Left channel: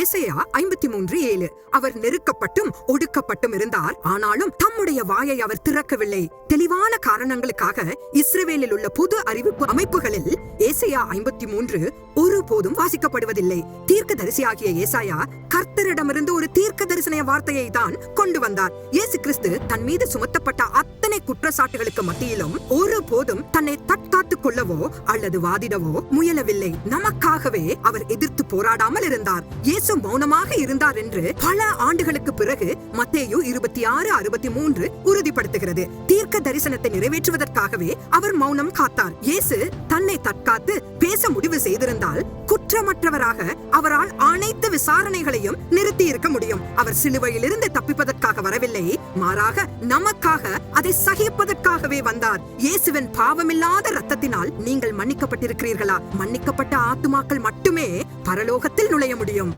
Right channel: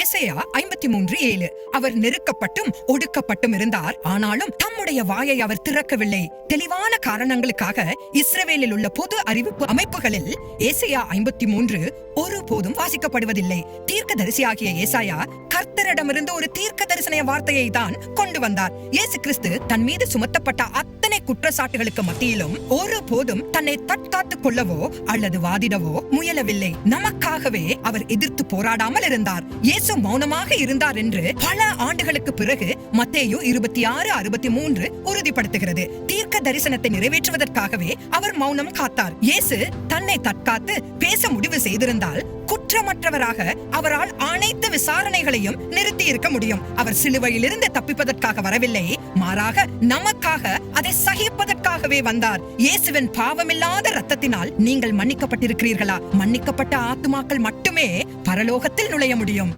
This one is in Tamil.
ஏசாயா 53:7. அவர் நெருக்கப்பட்டும் ஒடுக்கப்பட்டும் இருந்தார், ஆனாலும் தம்முடைய வாயை அவர் திறக்கவில்லை. தெளிவான காரணங்களுக்காக இஸ்ரவேலில் உள்ள பொது அறிவிப்பு அமைப்புகளில் ஏசாயா 53 ஒருபோதும் வாசிக்கப்படுவதில்லை. தீர்க்கதரிசியாகிய ஏசாயா கர்த்தரிடமிருந்து ஒரு தீர்க்க தரிசன வார்த்தையை தான் கொண்டு வந்தார். இயேசு கிறிஸ்து தன் மீது சுமத்தப்பட்ட அத்தனை குற்றச்சாட்டுகளுக்கு மத்தியிலும் ஒருபோதும் தன்னை தற்காத்துக் கொள்ளவோ அல்லது வாதிடவோ முயலவில்லை. நமக்காகவே அவர் எதிர்த்து போராடாமல் இருந்தார். இயேசு மௌனமாக இருந்தார் என்று பல ஆண்டுகளுக்கு பிறகு மத்தேயு 26:63 உறுதிப்படுத்துகிறது. தீர்க்க தரிசனத்தை நிறைவேற்றுவதற்காகவே அவர் மௌனம் காத்தார். இயேசு தன்னை தற்காத்து பேச முடிவு செய்திருந்தால் குற்றமற்றவராக அவரால் அனைத்து விசாரணைகளையும் நிறுத்தி இருக்க முடியும். அவர் சிலுவையிலிருந்து தப்பிப்பதற்காக வரவில்லை, மாறாக நமக்காக அதை சகிப்பதற்காகவே வந்தார். இயேசுவின் பாவமில்லாத இரத்தத்தினால் நீங்கள் மன்னிக்கப்பட்டிருக்கிறீர்களா? மன்னிக்கப்பட்ட ஆத்துமாக்கள் மட்டுமே பரலோகத்தில் நுழைய முடியும்.